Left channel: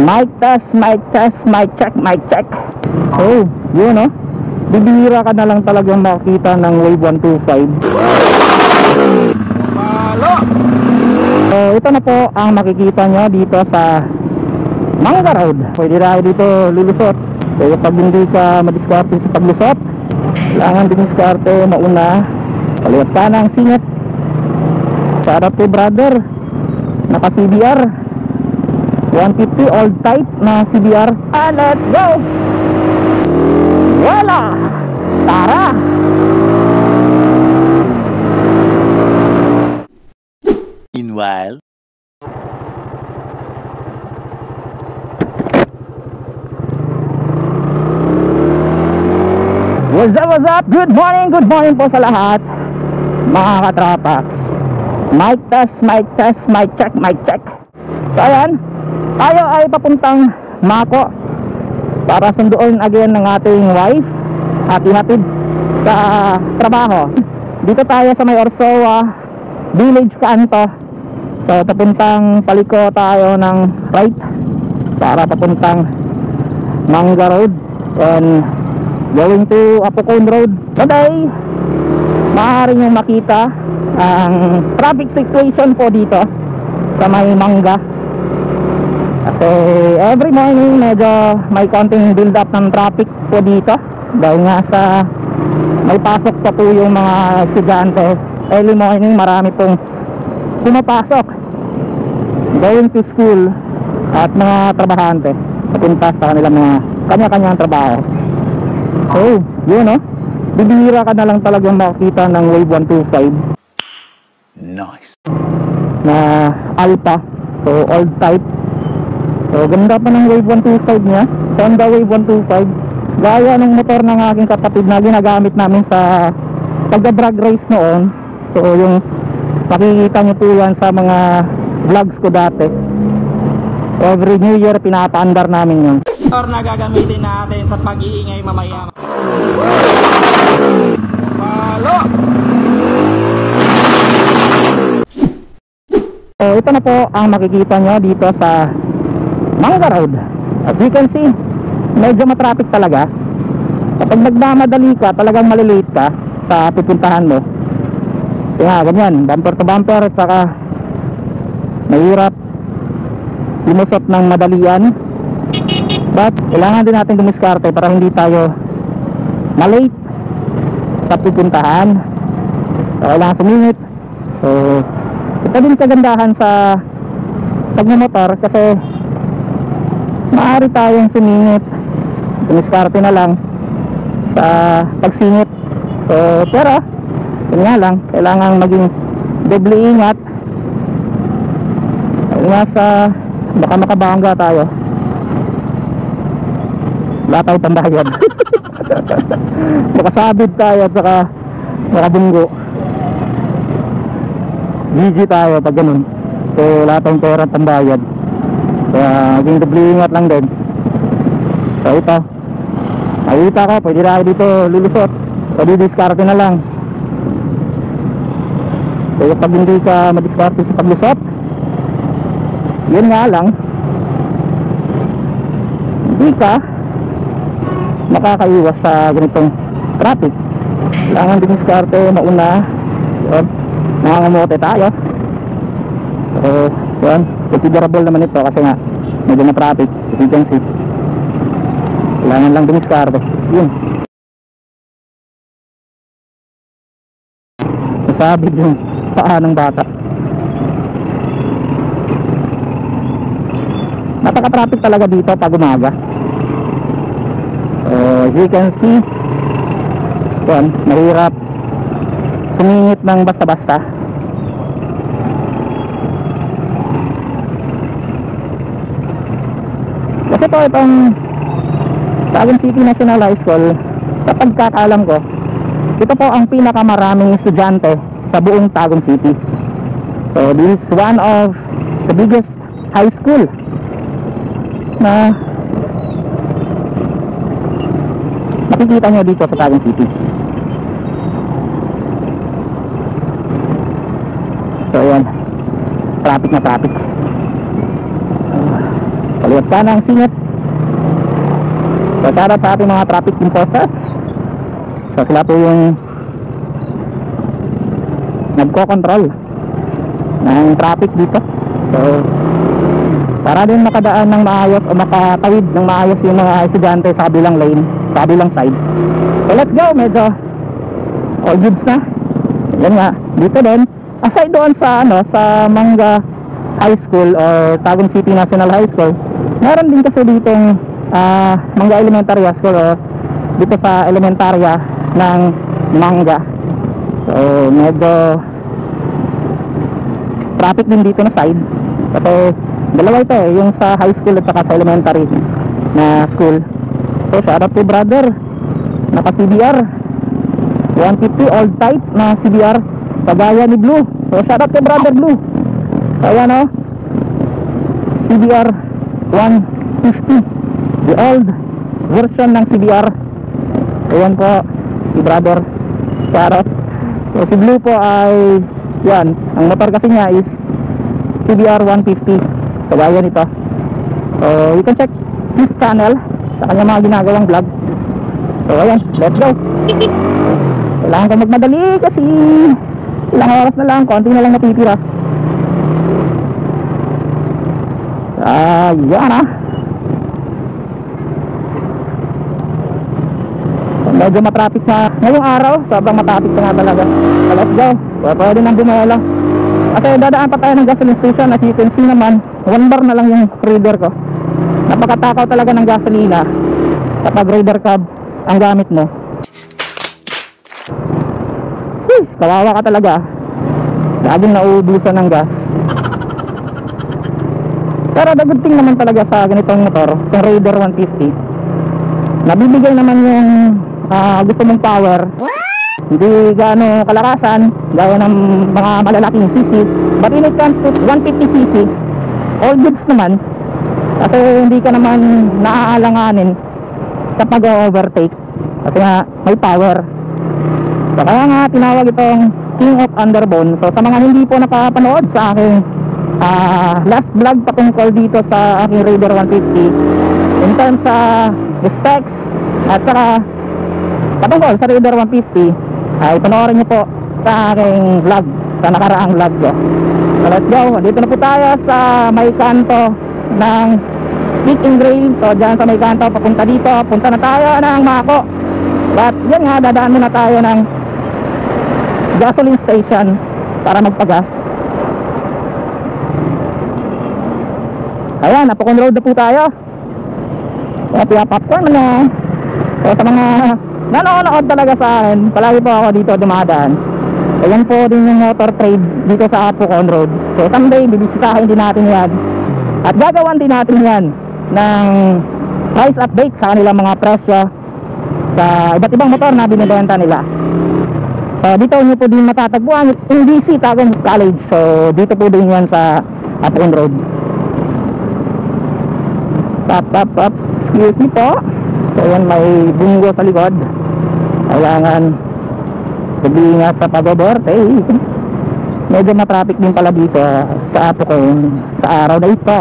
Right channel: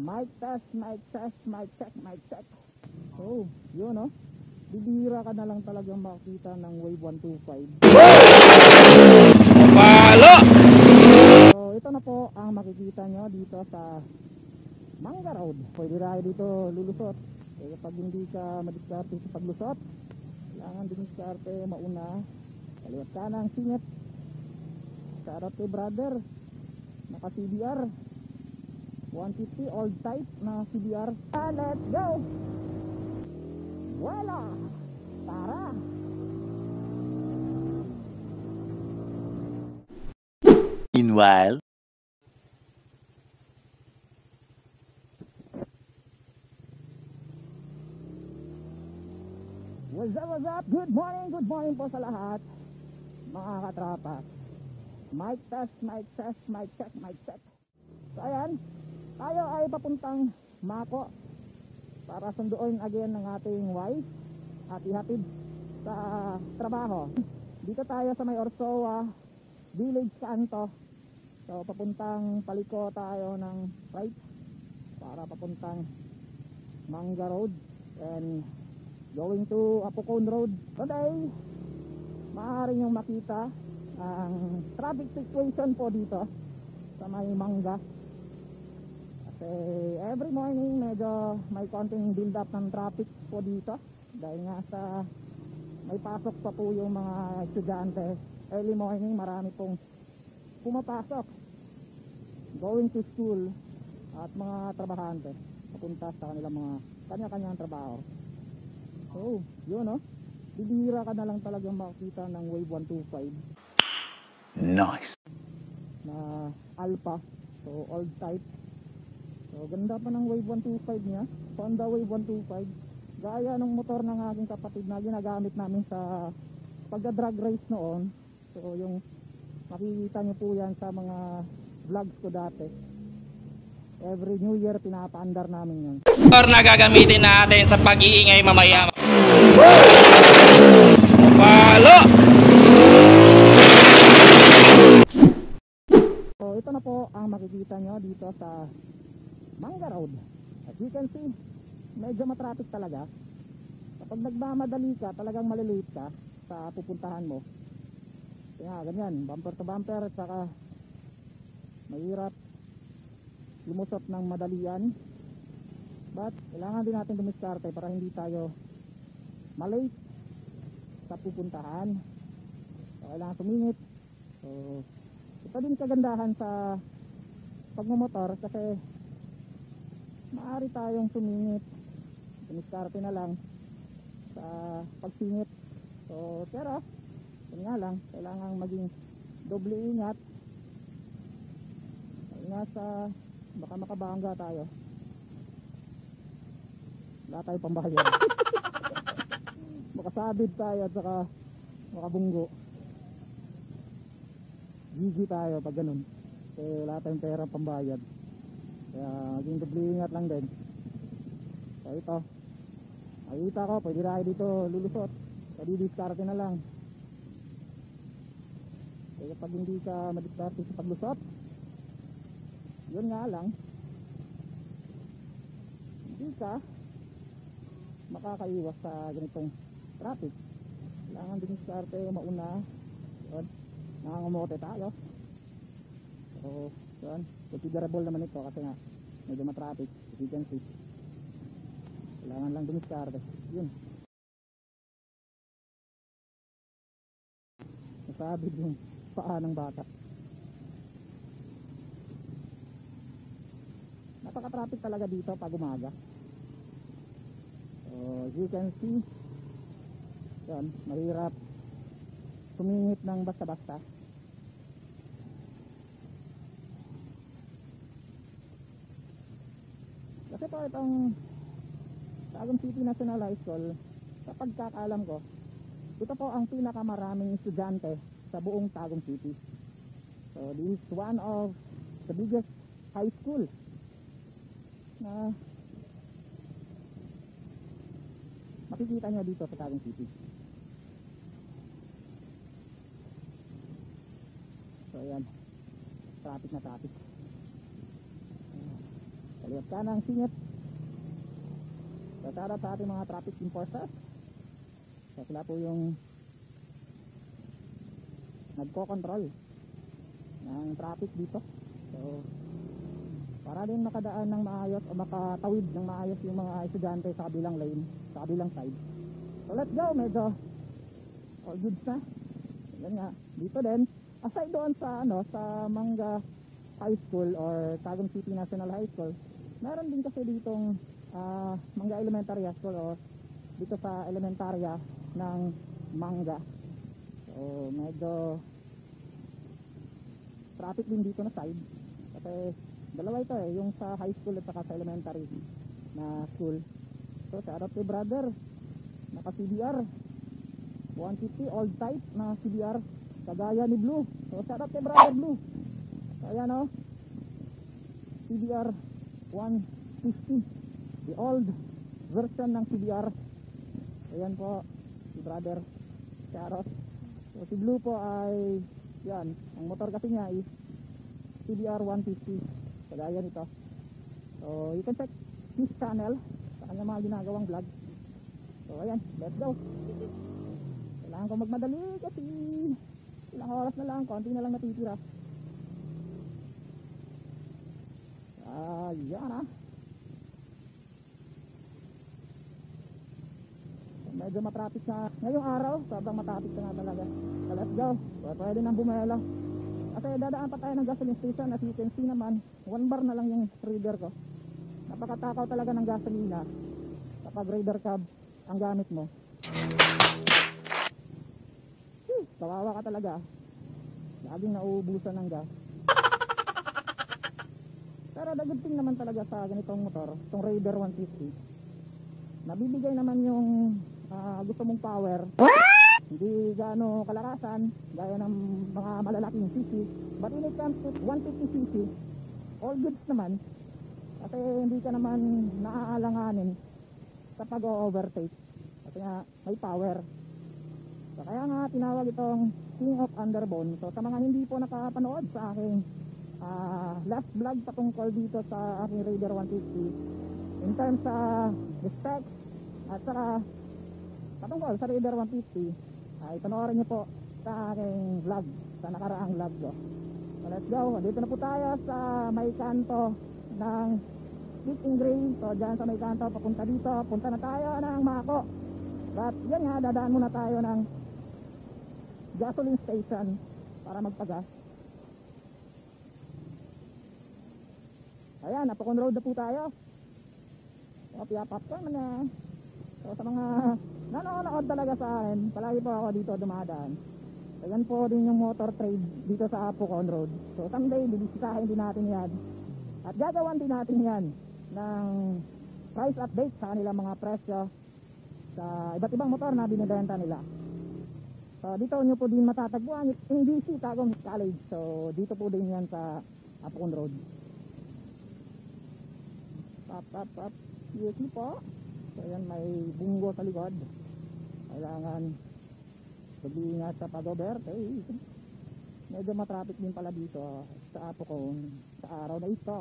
Mic test, mic check. Oh, yun oh. Bibihira ka na lang talagang makita ng Wave 125. Palo! So ito na po ang makikita nyo dito sa Mangga Road. Pwede na kayo dito lulusot. So pag hindi ka madiskarte sa paglusot, kailangan diniskarte mauna. Paliwat ka ng singit. Shout out to brother, naka CBR 150 old type na CBR. Let's go! Wala! Tara! Meanwhile, what's up? Good morning po sa lahat mga katrapax. Mic test, mic check. So ayan, tayo ay papuntang Mako para sunduin again ng ating wife at ihatid sa trabaho. Dito tayo sa may Orsoa Village Kanto. So papuntang paliko tayo ng right para papuntang Mangga Road and going to Apocon Road. Today maaari nyo makita ang traffic situation po dito sa may Mangga. Kasi every morning medyo may konting build up ng traffic po dito dahil nga sa may pasok pa po yung mga estudyante. Early morning marami pong pumapasok going to school at mga trabahante papunta sa kanilang mga kanya-kanyang trabaho. Oh, yun oh. Bibihira ka na lang talagang makikita ng Wave 125. nice. Na Alpha. So old type. So ganda pa ng Wave 125 niya. Honda Wave 125. Gaya ng motor ng aking kapatid na ginagamit namin sa pagda-drag race noon. So yung makikita nyo po yan sa mga vlogs ko dati. Every New Year pinapaandar namin yun. Or na gagamitin natin sa pag-iingay mamaya. Palo! So ito na po ang makikita nyo dito sa Mangga Road. As you can see, medyo matraffic talaga. Kapag nagmamadali ka, talagang malilate ka sa pupuntahan mo. Kaya ganyan, bumper to bumper, at saka mahirap lumusot ng madalian. But kailangan din natin dumiskarte para hindi tayo malate sa pupuntahan. So kailangan sumingit. So ito din kagandahan sa pagmamotor kasi maaari tayong sumingit, dumiskarte na lang sa pagsingit. So pero yun nga lang, kailangan maging doble ingat. Ingat sa baka makabangga tayo, wala tayong pambayad. Makasabid tayo at saka makabunggo. GG tayo pag ganun. So wala tayong pera at pambayad. Kaya maging doble ingat lang din. So ito, nakita ko, pwede na kayo dito lulusot. O didiskarte na lang. So pag hindi ka madiskarte sa paglusot, yun nga lang, hindi ka makakaiwas sa ganitong traffic. Kailangan diniskarte mauna. Yun, nangangamote tayo. So yun, considerable naman ito kasi nga medyo na traffic, as you can see. Kailangan lang diniskarte. Yun, nasabig yung paa ng bata. Napaka-traffic talaga dito pag umaga. So as you can see, yun, mahirap sumingit ng basta-basta. Kasi po itong Taguig City National High School, sa pagkakaalam ko, ito po ang pinakamaraming estudyante sa buong Taguig City. So this is one of the biggest high school na makikita nyo dito sa Taguig City. So ayan, traffic na traffic. kaliwat ka ng singit. So shoutout sa ating mga traffic enforcers. So sila po yung nagko-control ng traffic dito. So para din makadaan ng maayos o makatawid ng maayos yung mga estudyante sa kabilang lane, sa kabilang side. So let's go, medyo all goods na. Yan nga, dito din aside doon sa sa Manga High School or Tagum City National High School, meron din kasi ditong Manga Elementary School o dito sa elementarya ng Manga. So medyo traffic din dito na side kasi dalawa ito yung sa high school at saka sa elementary na school. So shout out to brother naka CBR 150 old type na CBR kagaya ni Blue. So shout out to brother Blue. So ayan o, CBR 150, the old version ng CBR. Ayan po si brother, shout out. So si Blue po ay yan, ang motor kasi niya is CBR 150 kagaya nito. So you can check his channel sa kanya mga ginagawang vlog. So ayan, let's go. Kailangan ko magmadali kasi ilang oras na lang, konti na lang natitira. Yan so, medyo matraffic na ngayong araw, sobrang matraffic na nga talaga. So let's go. So, pwede nang bumelo kasi dadaan pa tayo ng gasoline station. As you can see naman, 1 bar na lang yung Raider ko. Napakatakaw talaga ng gasolina kapag Raider cab ang gamit mo. Kawawa ka talaga, laging nauubusan ng gas. Pero the good thing naman talaga sa ganitong motor, yung Raider 150, nabibigay naman yung gusto mong power. Hindi gaano kalakasan gaya ng mga malalaking cc, but when it comes to 150cc, all goods naman kasi hindi ka naman naaalanganin sa pag-overtake kasi nga may power. So kaya nga tinawag itong King of Underbone. So sa mga hindi po nakapanood sa aking last vlog patungkol dito sa aking Raider 150 in terms sa specs at saka patungkol sa Raider 150, ay panoorin nyo po sa aking vlog, sa nakaraang vlog ko. So let's go, dito na po tayo sa may kanto ng Speak and Grail. So dyan sa may kanto papunta dito, punta na tayo ng Mako. But yan nga, dadaan muna tayo ng gasoline station para magpagas. Ayan, napakon road na po tayo. Kaya popcorn na. So sa mga nanonood talaga sa akin, palagi po ako dito dumadaan. Ayan po din yung motor trade dito sa Apocon Road. So someday bibisitahin din natin yan at gagawan din natin yan ng price update sa kanilang mga presyo sa iba't ibang motor na binibenta nila. So dito nyo po din matatagpuan yung DC Tagum College. So dito po din yan sa Apocon Road. Up. Excuse me po. So yan, may bunggo sa likod. Kailangan mag-iingat sa pag-overtake. Medyo matraffic din pala dito sa Apocon sa araw na ito.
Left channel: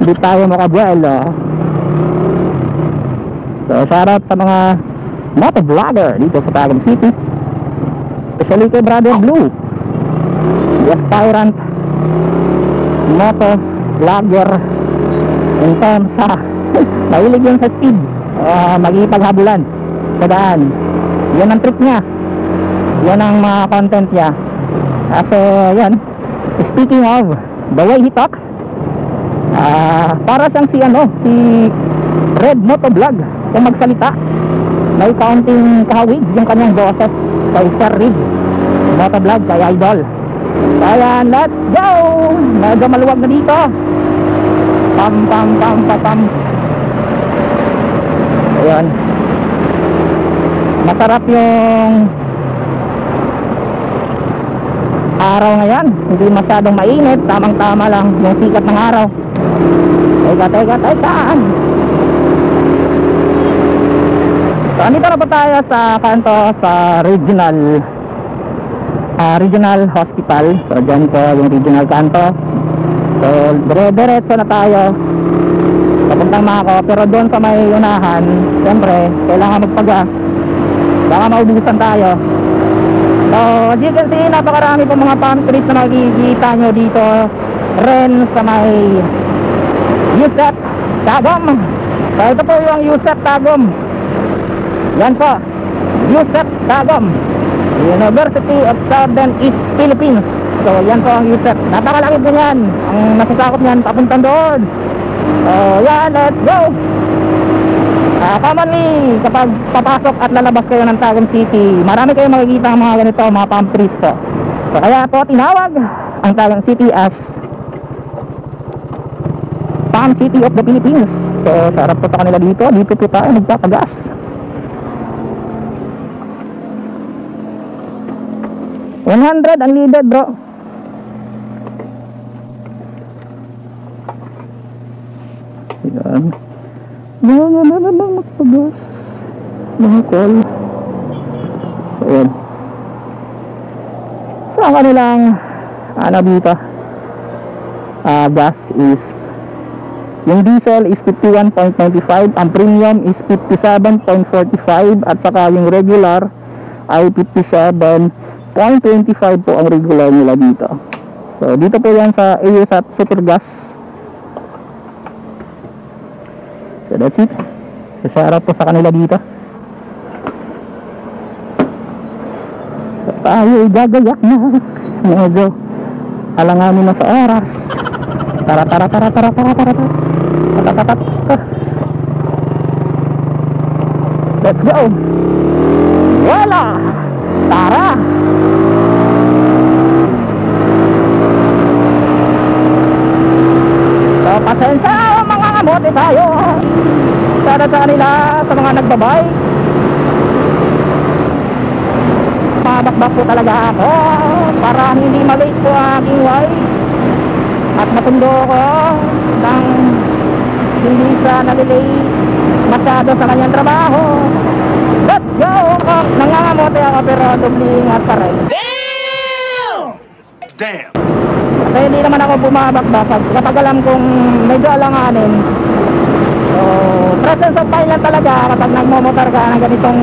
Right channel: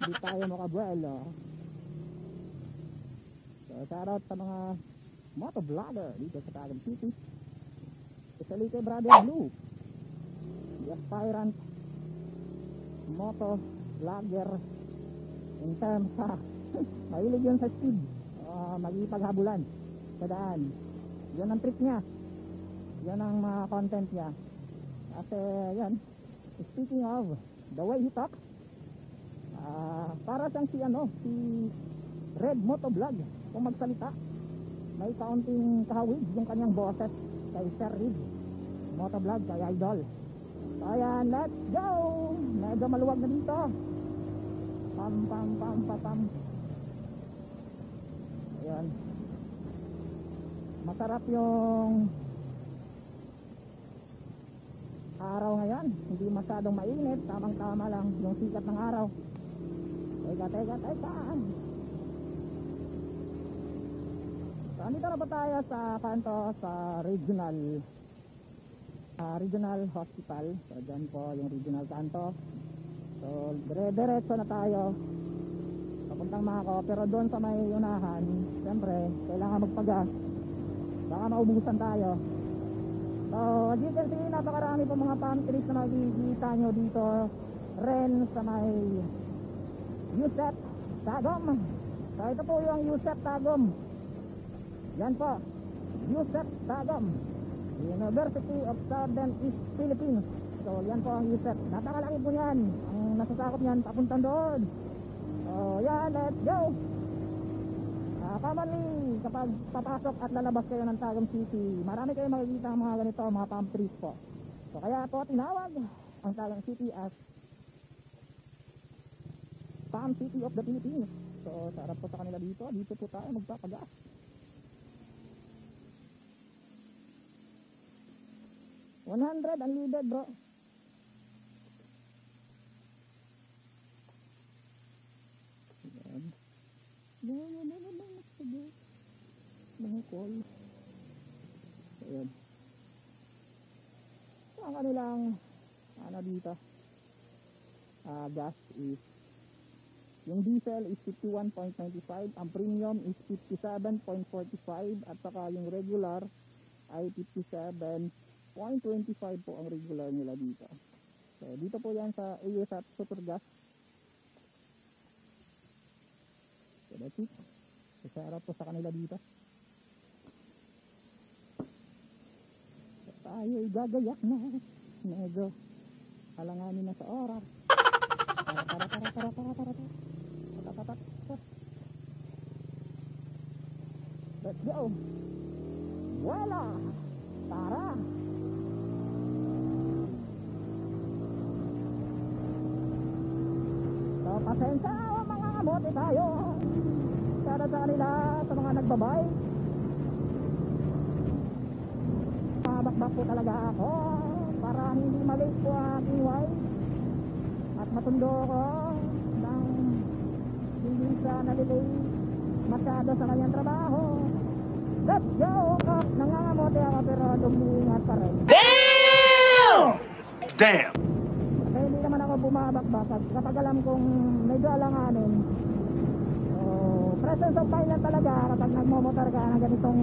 Hindi tayo makabuelo. So shoutout sa mga motovlogger dito sa Tagum City, especially kay Brother Blue, the aspirant motovlogger in terms sa mahilig yun sa speed, magigipaghabulan sa daan. Yan ang trick niya, yan ang mga content niya. Kasi yan, speaking of the way he talks, para siyang si Red Motovlog kung magsalita. May kaunting kahawig yung kanyang boses kay Sir Red Motovlog, kay Idol. Kaya let's go. Medyo maluwag na dito. Pam. Ayan, masarap yung araw ngayon, hindi masyadong mainit, tamang tama lang yung sikat ng araw. Teka. So andito na po tayo sa kanto sa regional hospital. So dyan po yung regional kanto. So diretso na tayo papuntang Mako. Pero doon sa may unahan, siyempre kailangan magpagas, baka maubusan tayo. So as you can see, napakarami po mga palm trees na makikita nyo dito rin sa may USEP Tagum. So ito po yung USEP Tagum. Yan po, USEP Tagum, University of Southern East Philippines. So yan po ang USEP. Napakalaki po yan. Ang masasakop niyan papuntang doon. So yan, let's go. Commonly kapag papasok at lalabas kayo ng Tagum City, marami kayong makikita ang mga ganito, mga palm trees po. So kaya po tinawag ang Tagum City as Palm City of the Philippines. So sarap po sa kanila dito. Dito po tayo magpapagas. $100 unleaded, bro. Yan. Mga magpagas. Mga call. Ayan. So ang kanilang ano dito, gas is, yung diesel is 51.95, ang premium is 57.45, at saka yung regular ay 57.25 po ang regular nila dito. So dito po yan sa ASAP Supergas. So that's it. So sarap po sa kanila dito. So tayo gagayak na. Medyo alanganin na sa oras. Tara. Let's go. Wala. Tara. So pasensya mga kamote tayo. Para sa kanila, sa mga nagbabike. Mabakbak po talaga ako para hindi malate po ang aking wife at masundo ko nang hindi siya nalilate masyado sa kanyang trabaho. Let's go! Nangangamote ako pero dubling at paray. Damn! Kasi hindi naman ako bumabakbak kapag alam kong medyo alanganin. So presence of mind lang talaga kapag nagmomotor ka ng ganitong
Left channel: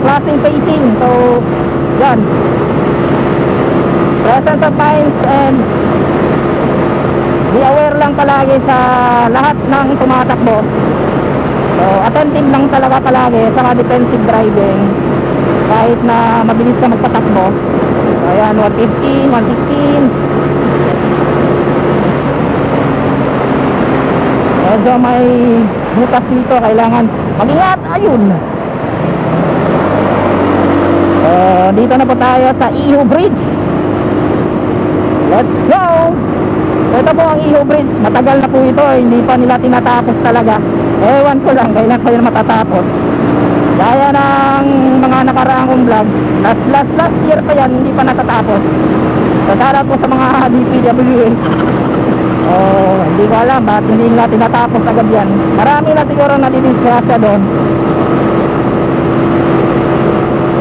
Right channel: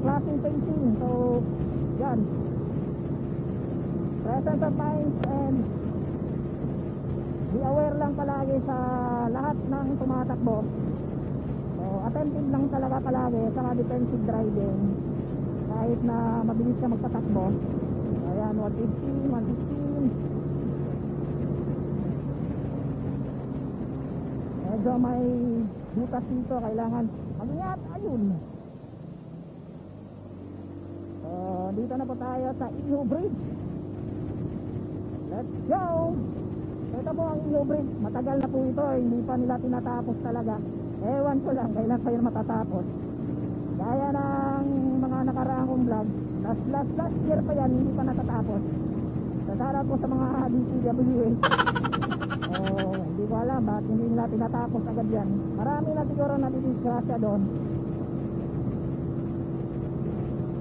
klaseng facing. So yan, presence of mind and be aware lang palagi sa lahat ng tumatakbo. So attentive lang talaga palagi sa defensive driving kahit na mabilis ka magpatakbo. So ayan, 115, 116. Medyo may butas dito, kailangan mag-ingat. Ayun. Dito na po tayo sa Iho Bridge. Let's go. Ito po ang Iho Bridge. Matagal na po ito, hindi pa nila tinatapos talaga. Ewan ko lang kailan pa yun matatapos. Gaya ng mga nakaraang kong vlog, last year pa yan, hindi pa natatapos. So sana po sa mga DPWH, hindi ko alam bakit hindi nila tinatapos agad yan. Marami na siguro nadidisgrasya doon.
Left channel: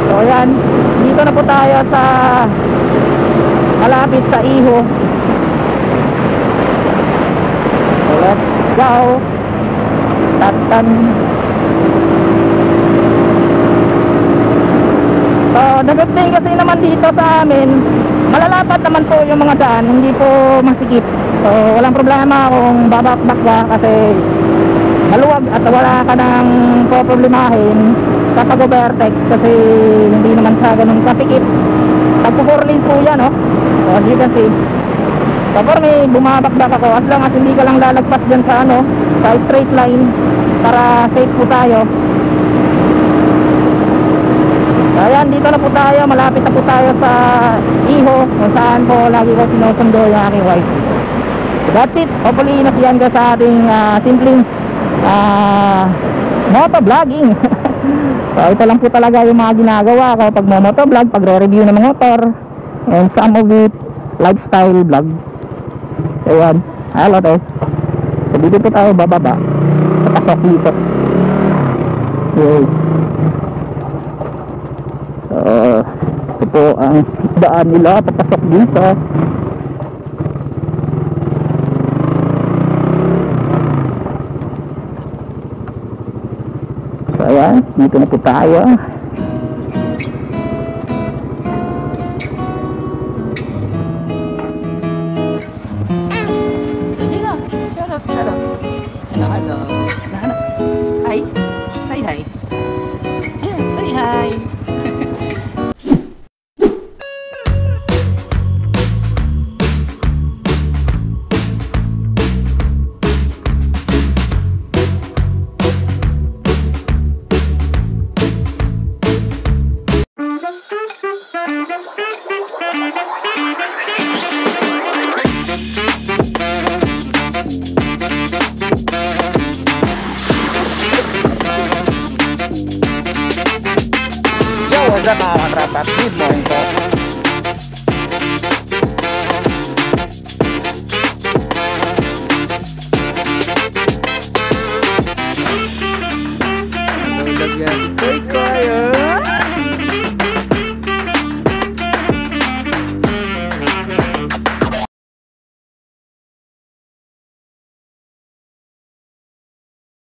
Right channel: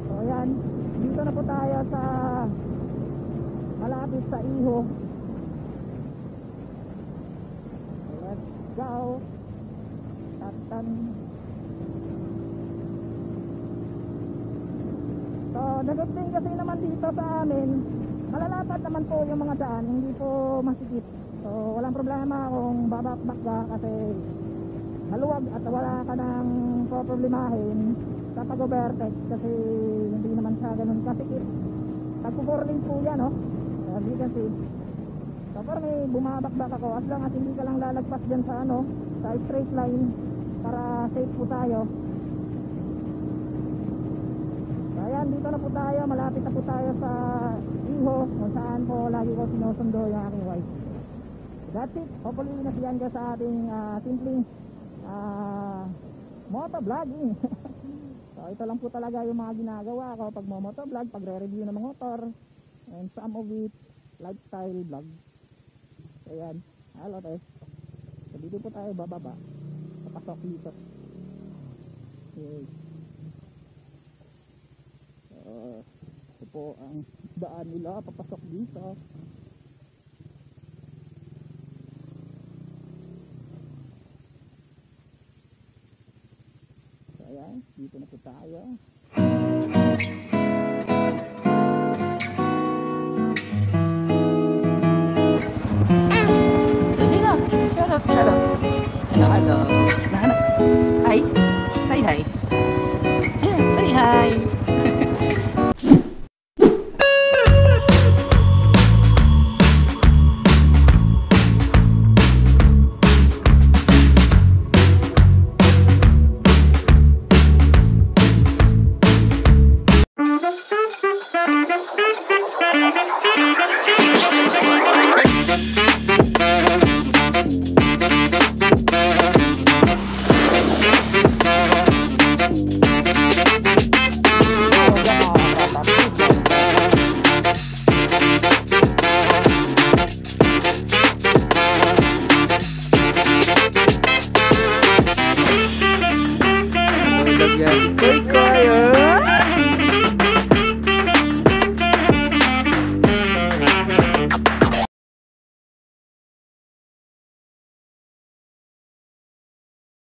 So yan, dito na po tayo sa malapit sa Iho. So let's go. Tatan. So the good thing kasi naman dito sa amin, malalapad naman po yung mga daan, hindi po masikip. So walang problema kung babakbak ka kasi maluwag at wala ka nang poproblemahin sa pag-overtake kasi hindi naman siya ganun kasikip. Tagpo-4 lanes po yan, oh. So as you can see, so for me, bumabakbak ako as long as hindi ka lang lalagpas dyan sa sa straight line para safe po tayo. So ayan, dito na po tayo, malapit na po tayo sa Iho kung saan po lagi ko sinusundo yung aking wife. So that's it. Hopefully nasiyan ka sa ating simpleng motovlogging. So ito lang po talaga yung mga ginagawa ko pag motovlog, pag re-review ng mga motor, and some of it lifestyle vlog. So yan, hello to. So dito po tayo bababa sa pasok dito. Okay. So ito po ang daan nila papasok dito. Ayan, dito na po tayo. Sino? Shut up, shut up. Hello, hello. Ano? Hi. Say hi. Yeah, say hi. What's up mga katrapak? Good morning po. Koy kayo.